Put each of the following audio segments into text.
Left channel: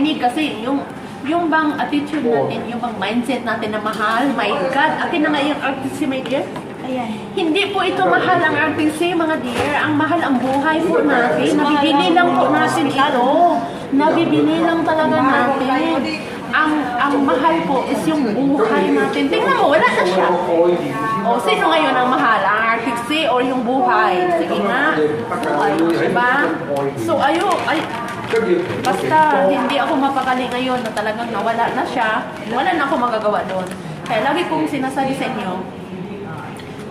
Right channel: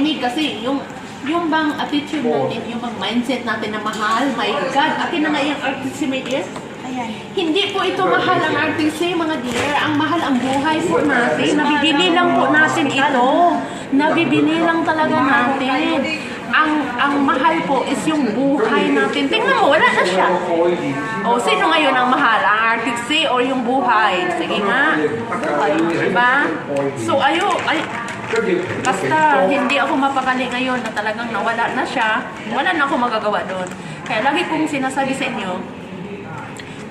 makinig kasi yung bang attitude natin, yung bang mindset natin na mahal, my God, akin na nga yung RTC, my dear. Ayan. Hindi po ito mahal ang RTC, mga dear. Ang mahal ang buhay po natin. Nabibili lang po natin ito. Nabibili lang talaga natin. Ang mahal po is yung buhay natin. Tingnan mo, wala na siya. O, sino ngayon ang mahal? Ang RTC o yung buhay? Sige nga. Diba? So, basta hindi ako mapakali ngayon na talagang nawala na siya, wala na ako magagawa doon. Kaya lagi kong sinasabi sa inyo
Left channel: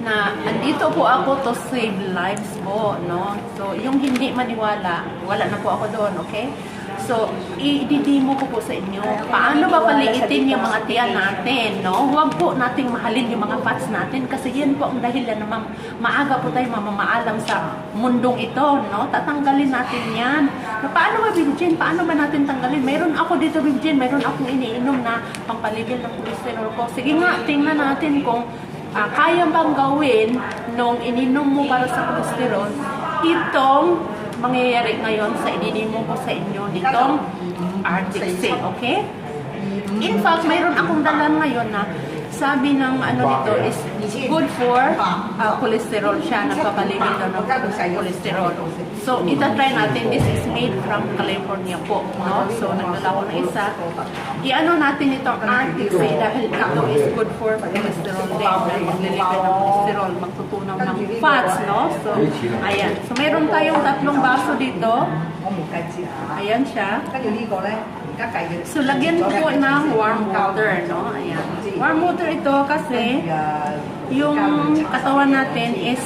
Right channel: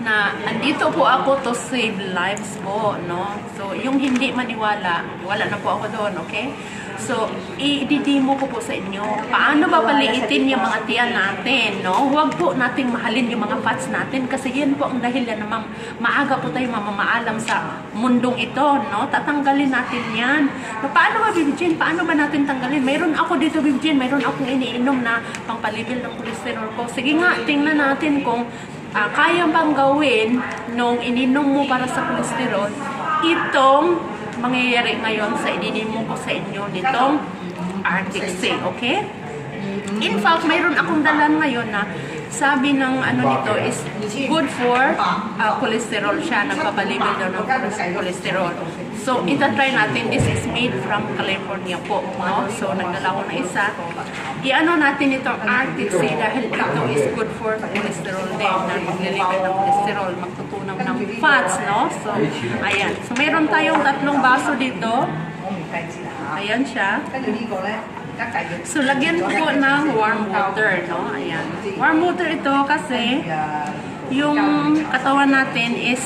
na andito po ako to save lives po, no? So, yung hindi maniwala, wala na po ako doon, okay? So, i-demo ko po sa inyo. Paano ba paliitin yung mga tiyan natin, no? Huwag po nating mahalin yung mga fats natin kasi yan po ang dahilan na maaga po tayo mamamaalam sa mundong ito, no? Tatanggalin natin yan. Paano ba, Bibjin? Paano ba natin tanggalin? Mayroon ako dito, Bibjin. Mayroon akong iniinom na pangpalibil ng cholesterol ko. Sige nga, tingnan natin kung kaya bang gawin nung ininom mo para sa cholesterol itong mangyayari ngayon sa idinimo ko sa inyo nitong Arctic Sea, okay? In fact, mayroon akong dalan ngayon na sabi ng nito is good for cholesterol siya, nagpapalibil daw ng cholesterol. So, itatry natin, this is made from California po, no? So, nagdala ko na isa. I-ano natin itong Arctic Sea dahil ito is good for cholesterol din, na maglilibil ng cholesterol, magtutunaw ng fats, no? So, ayan. So, mayroon tayong 3 baso dito. Ayan siya. So, lagyan ko po ng warm water, no? Ayan. Warm water ito kasi yung katawan natin is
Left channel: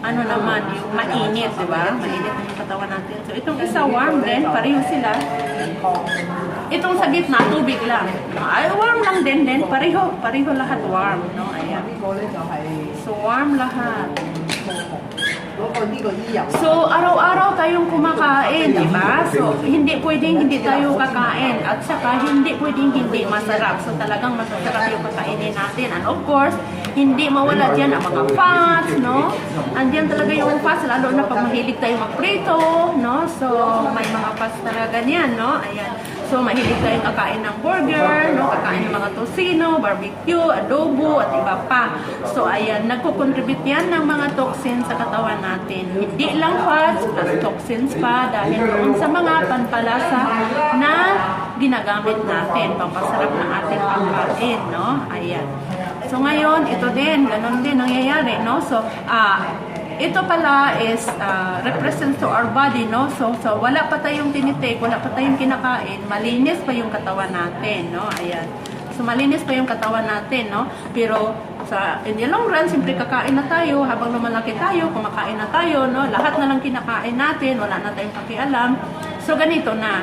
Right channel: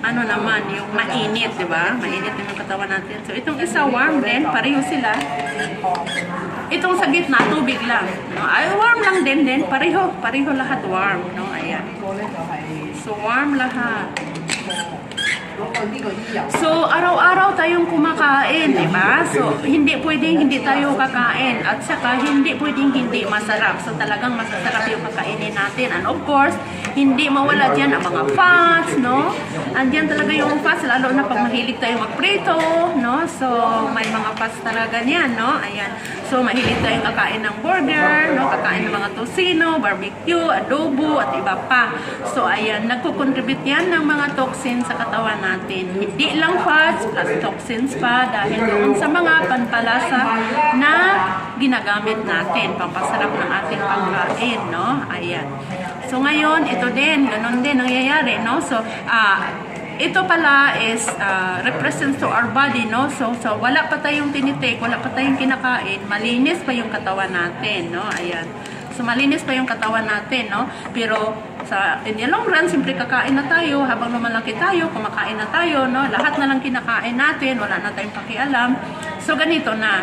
naman, yung mainit, di ba? Mainit din yung katawan natin. So, itong isa warm din, pareho sila. Itong sa gitna, tubig lang. No? Ay, warm lang din, pareho lahat warm, no? Ayan. So, warm lahat. So, araw-araw tayong kumakain, di ba? So, hindi pwedeng hindi tayo kakain. At saka, hindi pwedeng hindi masarap. So, talagang masasarap yung kakainin natin. And of course, hindi mawala dyan ang mga fats, no? Andyan talaga yung fats, lalo na pag mahilig tayo magprito, no? So, may mga fats talaga niyan, no? Ayan. So, mahilig tayong kakain ng burger, no? Kakain ng mga tosino, barbecue, adobo, at iba pa. So, ayan, nagko-contribute yan ng mga toxins sa katawan natin. Hindi lang fats, plus toxins pa dahil doon sa mga panpalasa na ginagamit natin, pampasarap ng ating pagkain, no? Ayan. So, ngayon, ito din, ganun din nangyayari, no? So, ito pala is represents to our body, no? So wala pa tayong tinitake, wala pa tayong kinakain, malinis pa yung katawan natin, no? Ayan. So, malinis pa yung katawan natin, no? Pero, in the long run, simpre kakain na tayo, habang lumalaki tayo, kumakain na tayo, no? Lahat na lang kinakain natin, wala na tayong pakialam. So, ganito na,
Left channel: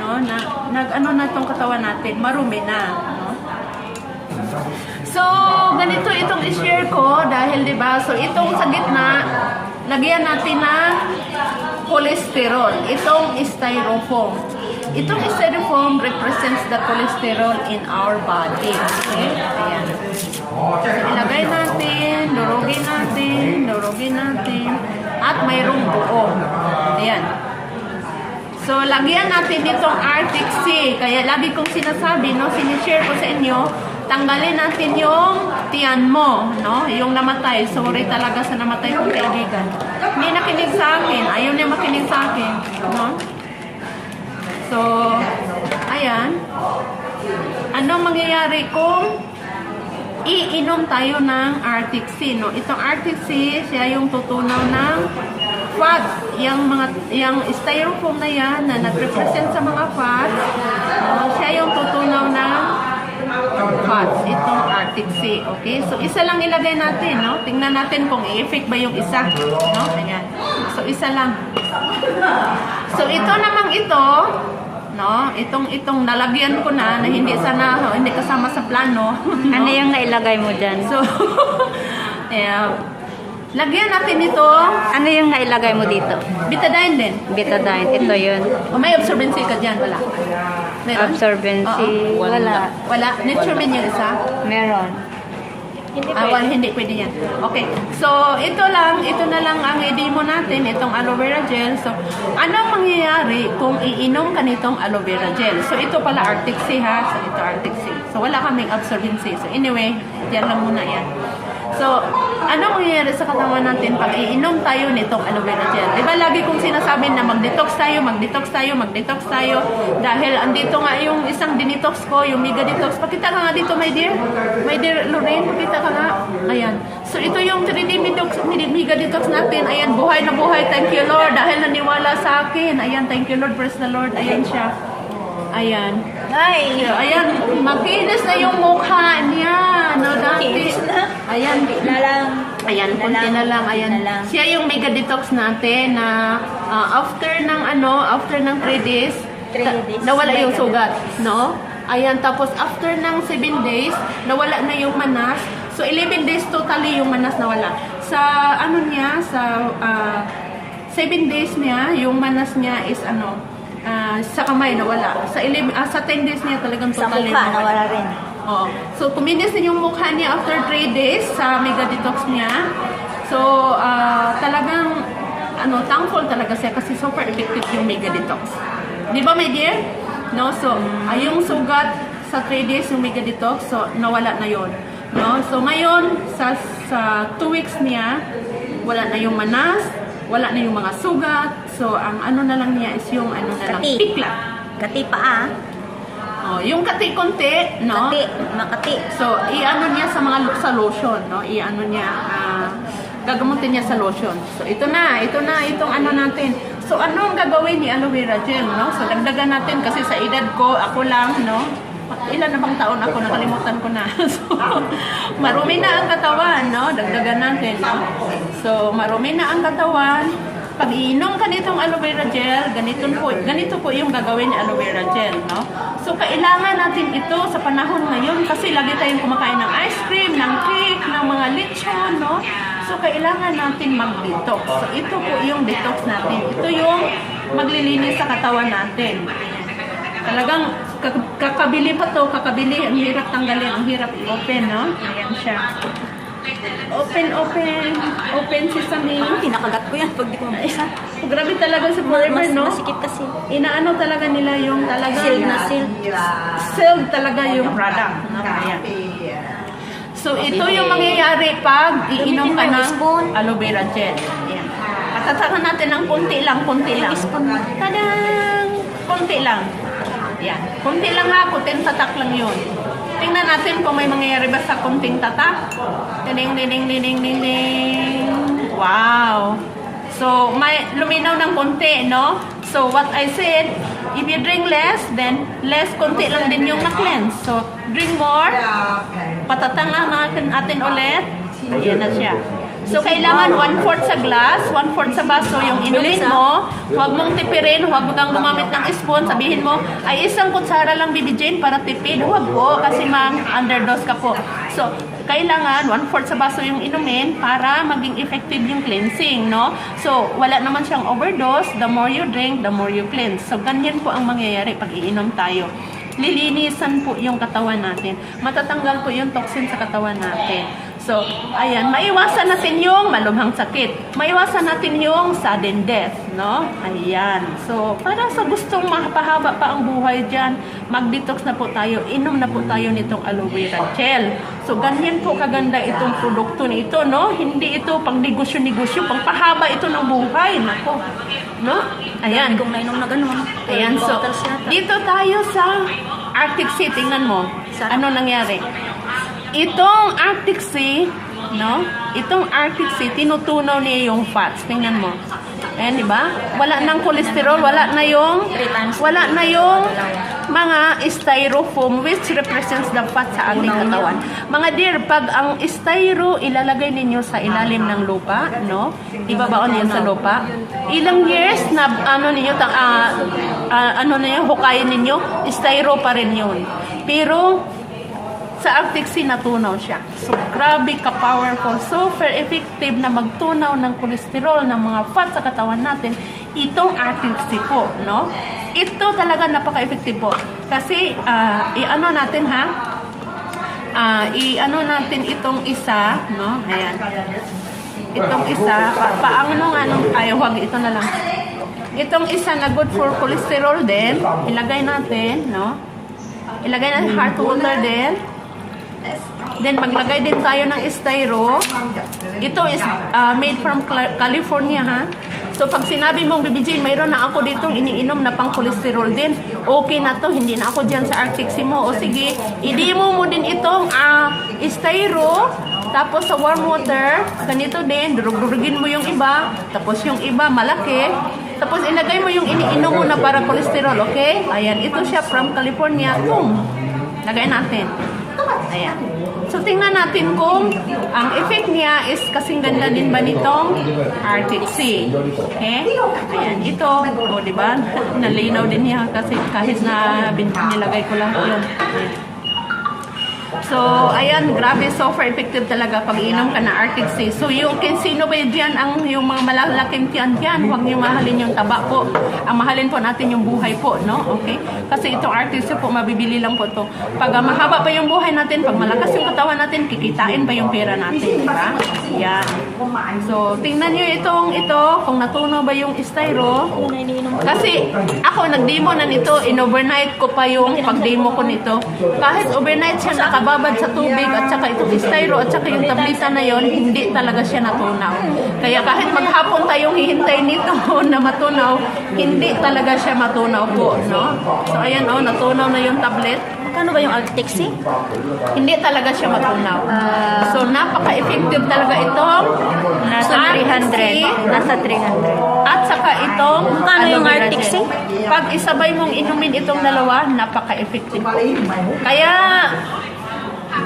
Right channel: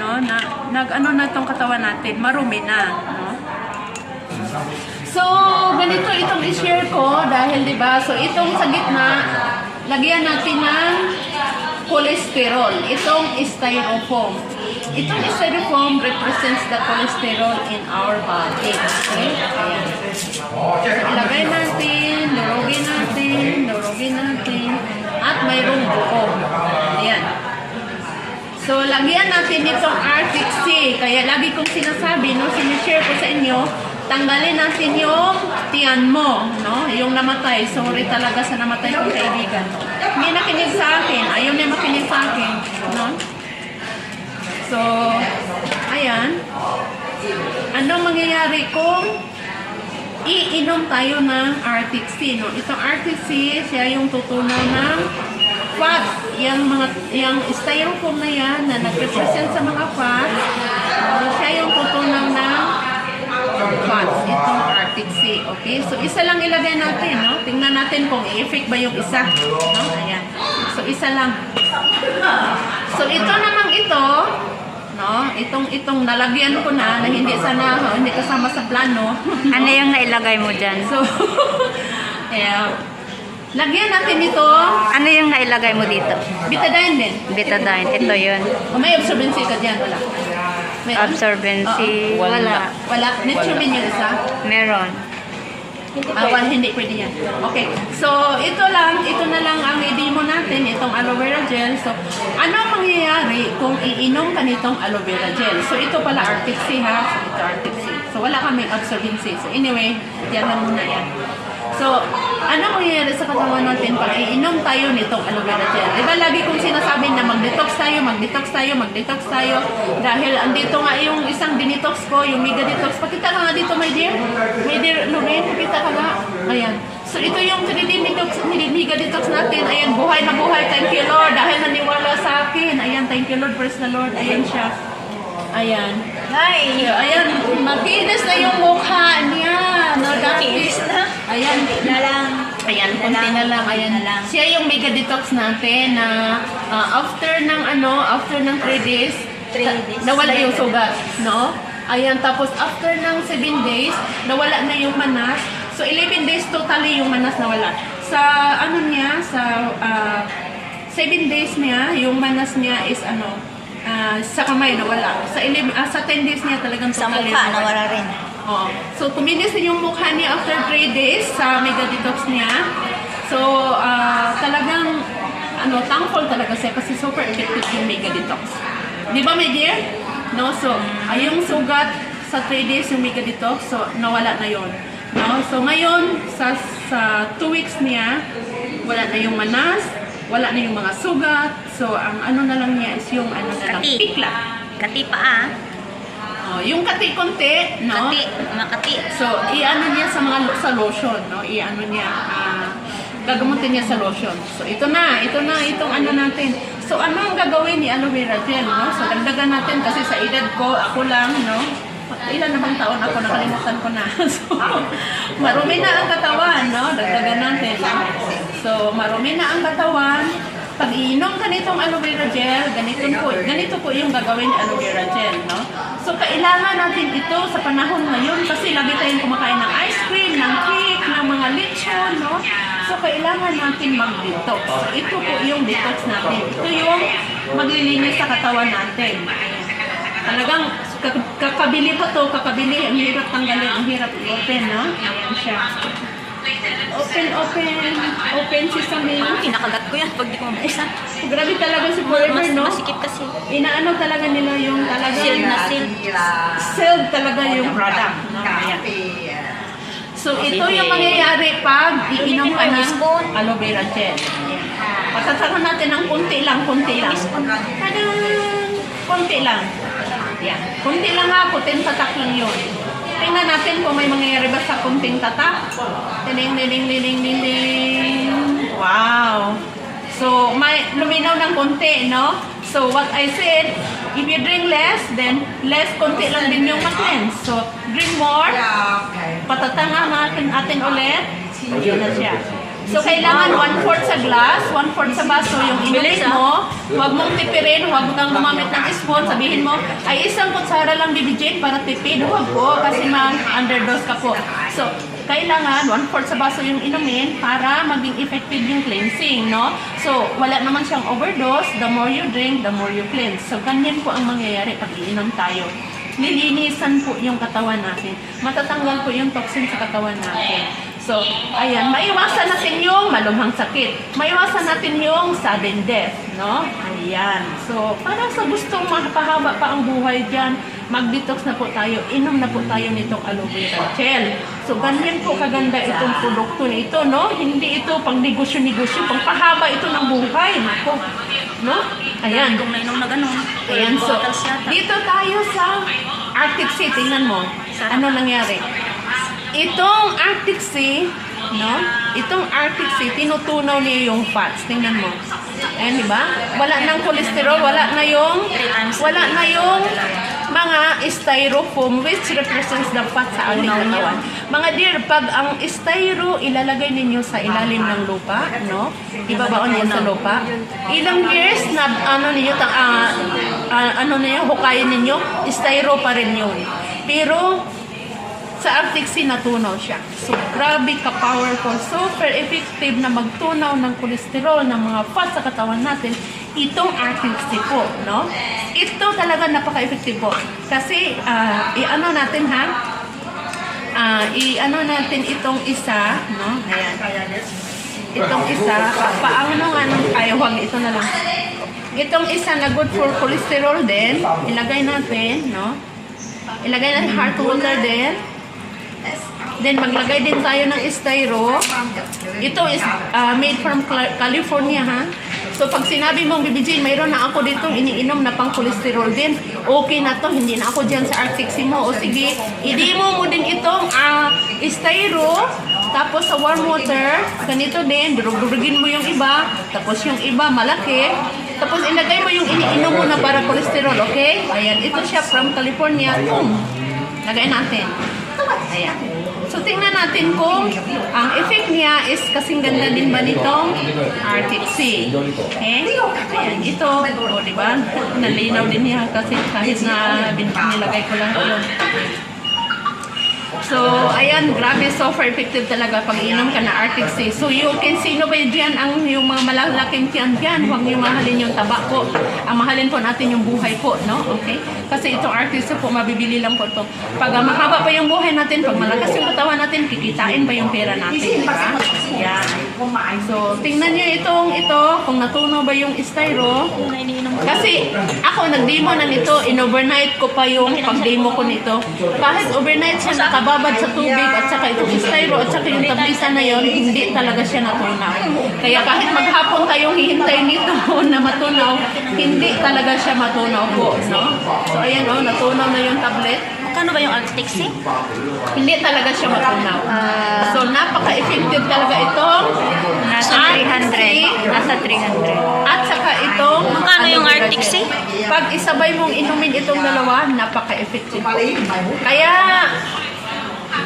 no? Na itong katawan natin, marumi na, no? So, ganito itong i-share ko dahil, di ba, so itong sa gitna, lagyan natin ng cholesterol. Itong styrofoam. Itong styrofoam represents the cholesterol in our body. Okay? Ayan. Ilagay natin, durugin natin, at mayroong buo. Ayan. So, lagyan natin itong Arctic Sea. Kaya lagi kong sinasabi, no, sinishare ko sa inyo, tanggalin natin yung tiyan mo, no? Yung namatay. Sorry talaga sa namatay kong kaibigan. Hindi nakinig sa akin. Ayaw niya makinig sa akin, no? So, ayan. Anong mangyayari kung iinom tayo ng Arctic Sea, no? Itong Arctic Sea, siya yung tutunaw ng fat. Yung styrofoam na yan, na nag-represent sa mga fat, no? Siya yung tutunaw ng fats, itong Arctic Sea, okay? So, isa lang ilagay natin, no? Tingnan natin kung i-effect ba yung isa, no? Ayan. So, isa lang. So, ito namang ito, no? Itong nalagyan ko na hindi sana, hindi kasama sa plano. Ano yung nailagay mo dyan? So, ayan. Lagyan natin ito. Ano yung nailagay mo dito? Betadine din. Betadine, ito yun. O may absorbency ka dyan, wala. Meron? Absorbency, Oo. wala. Wala. Nitromin yung isa. Meron. Hindi pwede yan. Okay. So, ito na lang ang i-demo natin, itong aloe vera gel. So, ano mangyayari kung iinom ka nitong aloe vera gel? So, ito pala Arctic Sea ha. So, ito Arctic Sea. So, wala kaming absorbency. So, anyway, yan lang muna yan. So, ano mangyayari sa katawan natin pag iinom tayo nitong aloe vera gel? Diba lagi kong sinasabi na mag-detox tayo. Dahil andito nga yung isang dinetox ko, yung mega detox. Pakita ka nga dito, my dear. My dear Lorraine, pakita ka nga. Ayan. So, ito yung 3D mega detox natin. Ayan, buhay na buhay. Thank you, Lord. Dahil naniwala sa akin. Ayan, thank you, Lord. Praise the Lord. Ayan siya. Ayan. Ay, Ayan, makinis na yung mukha niya. No, dati. Ayan. na lang. Ayan, konti na lang. Ayan. Siya yung mega detox natin na after ng 3 days, 3 days. nawala yung sugat, no? Ayan, tapos after ng 7 days, nawala na yung manas. So, 11 days totally yung manas nawala. Sa, sa 7 days niya, yung manas niya is sa kamay nawala. Sa 10 days niya talagang Sa totally mukha, nawala rin. Oo. So, kuminis na yung mukha niya after 3 days sa mega detox niya. So, talagang, thankful talaga siya kasi super effective yung mega detox. Di ba, my dear? No? So, yung sugat sa 3 days yung mega detox, so, nawala na yon. No? So, ngayon, sa 2 weeks niya, wala na yung manas, wala na yung mga sugat. So, ang na lang niya is yung Kati. pikla. Kati pa ah. Oh, yung kati konti, no? Kati, makati. So, niya sa lotion, no? Gagamutin niya sa lotion. So, ito na itong natin. So, anong gagawin ni aloe vera gel, no? So, dagdagan natin kasi sa edad ko, ako lang, no? Ilan na bang taon ako? Nakalimutan ko na. So, marumi na ang katawan, no? Dagdagan natin. So, marumi na ang katawan. Pag iinom ka nitong aloe vera gel, ganito po yung gagawin ni aloe vera gel, no? So, kailangan natin ito sa panahon ngayon kasi lagi tayong kumakain ng ice cream, ng cake, ng mga lechon, no? So, kailangan natin mag-detox. So, ito po yung detox natin. Ito yung maglilinis sa katawan natin. Talagang kakabili pa to, ang hirap tanggalin, ang hirap i-open, no? Ayan siya. Open sesame. Kinakagat ko yan pag di ko maisa. Grabe talaga si Forever, no? Masikip kasi. Inaano talaga nila yung talaga Sealed na sealed talaga yung product, no? Ayan. So, ito yung mangyayari pag iinom ka ng aloe vera gel. Ayan. Patatakan natin ng konti lang. Tadang! Konti lang. Yan. Konti lang ha, kutin tatak lang yun. Tingnan natin kung may mangyayari ba sa kunting tatak. Diling. Wow! So, may luminaw ng konti, no? So, what I said, if you drink less, then less konti lang din yung na-cleanse. So, drink more. Patatangan natin ulit. Ayan na siya. So, kailangan 1/4 sa glass, 1/4 sa baso yung inumin mo. Huwag mong tipirin, huwag kang gumamit ng spoon. Sabihin mo, ay isang kutsara lang bibigyan para tipid. Huwag po, kasi underdose ka po. So, kailangan 1/4 sa baso yung inumin para maging effective yung cleansing, no? So, wala naman siyang overdose. The more you drink, the more you cleanse. So, ganyan po ang mangyayari pag iinom tayo. Lilinisan po yung katawan natin. Matatanggal po yung toxin sa katawan natin. So, ayan, maiwasan natin yung malubhang sakit. Maiwasan natin yung sudden death, no? Ayan. So, para sa gustong makapahaba pa ang buhay dyan, mag-detox na po tayo, inom na po tayo nitong aloe vera gel. So, ganyan po kaganda itong produkto na ito, no? Hindi ito pang negosyo-negosyo, pang pahaba ito ng buhay. Nako, no? Ayan. Kung nainom na ganun. Ayan, so, dito tayo sa Arctic Sea. Tingnan mo, ano nangyari? Itong Arctic Sea, no? Itong Arctic Sea, tinutunaw niya yung fats. Tingnan mo. Ayan, di ba? Wala nang cholesterol, wala na yung mga styrofoam which represents the fat sa ating katawan. Mga dear, pag ang styro ilalagay ninyo sa ilalim ng lupa, no? Ibabaon yan sa lupa. Ilang years na hukayin ninyo, styro pa rin yun. Pero sa Arctic Sea, natunaw siya. So, grabe ka-powerful, super effective na magtunaw ng kolesterol, ng mga fat sa katawan natin, itong Arctic Sea po, no? Ito talaga napaka-effective po. Kasi, natin ha, i-ano natin itong isa, no? Ayan. Itong isa, paano nga nung, ay, huwag, ito na lang. Itong isa na good for cholesterol din, ilagay natin, no? Ilagay natin heart water din. Then, maglagay din tayo ng styro. Ito is made from California, ha? So, pag sinabi mong, Bibi Jane, mayroon na ako dito iniinom na pang cholesterol din. Okay na to, hindi na ako dyan sa Arctic Sea mo. O sige, i-demo mo din itong styro. Tapos sa warm water, ganito din, durug-durugin mo yung iba. Tapos yung iba, malaki. Tapos ilagay mo yung iniinom mo na para cholesterol, okay? Ayan, ito siya from California. Boom! Lagay natin. Ayan. So, tingnan natin kung ang effect niya is kasing ganda din ba nitong Arctic Sea. Okay? Ayan, ito. O, diba? Nalinaw din niya kasi kahit na nilagay ko lang ito. So, ayan, grabe, super effective talaga pag inom ka na Arctic Sea. So, you can sino ba dyan ang yung mga malalaking tiyan dyan? Huwag niyo mahalin yung taba po. Ang mahalin po natin yung buhay po, no? Okay? Kasi itong Arctic Sea po, mabibili lang po ito. Pag mahaba pa yung buhay natin, pag malakas yung katawan natin, kikitain pa yung pera natin, di ba? Yeah. So, tingnan niyo ito, kung natunaw ba yung styro. Kasi, ako, nag-demo na nito, in-overnight ko pa yung pag-demo ko nito. Kahit overnight siya nakababad sa tubig at saka itong styro at saka yung tablisa na yon, hindi talaga siya natunaw. Kaya kahit maghapon tayong hihintay nito na matunaw, hindi talaga siya matunaw po, no? So, ayan, oh, natunaw na yung tablet. Magkano ba yung Arctic Sea? Hindi talaga siya matunaw. So, napaka-effective talaga itong Nasa 300. Nasa 300. at saka itong Magkano yung Arctic Sea? Pag isabay mong inumin itong dalawa, napaka-effective. Kaya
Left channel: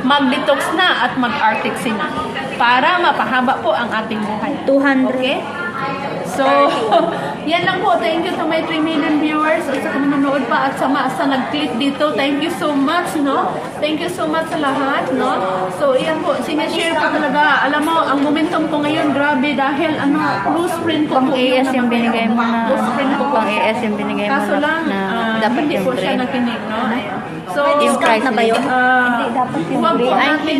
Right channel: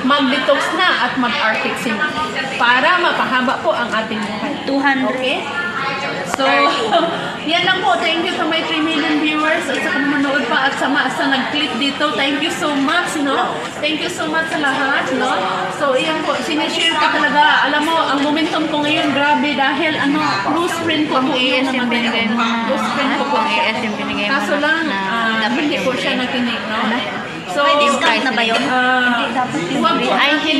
mag-detox na at mag-Arctic Sea na para mapahaba po ang ating buhay. 200. Okay? So, yan lang po. Thank you to my 3 million viewers at saka manood pa at sa nag-click dito. Thank you so much, no? Thank you so much sa lahat, no? So, yan po. Sinishare ko talaga. Alam mo, ang momentum ko ngayon, grabe dahil close friend ko po. AS yung binigay mo. Close friend ko po. AS yung binigay mo. Kaso lang, hindi po siya nakinig, no? So, Discount na ba yun? huwag po natin,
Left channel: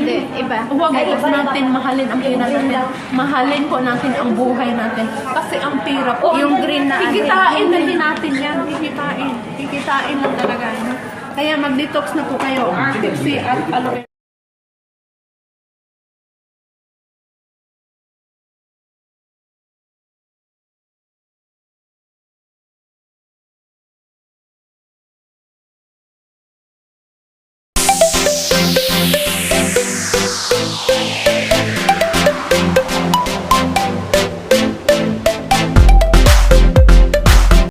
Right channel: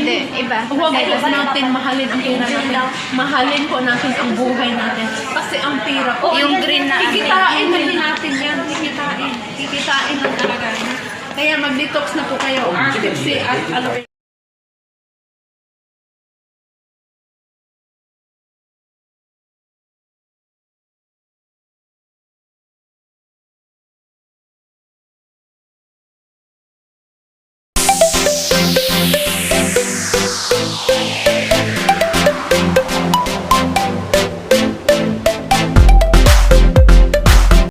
huwag po natin mahalin ang pera natin. Mahalin po natin ang buhay natin. Kasi ang pera po, Yung green na kikitain na din natin yan. Kikitain lang talaga. Kaya mag-detox na po kayo. Tipsy at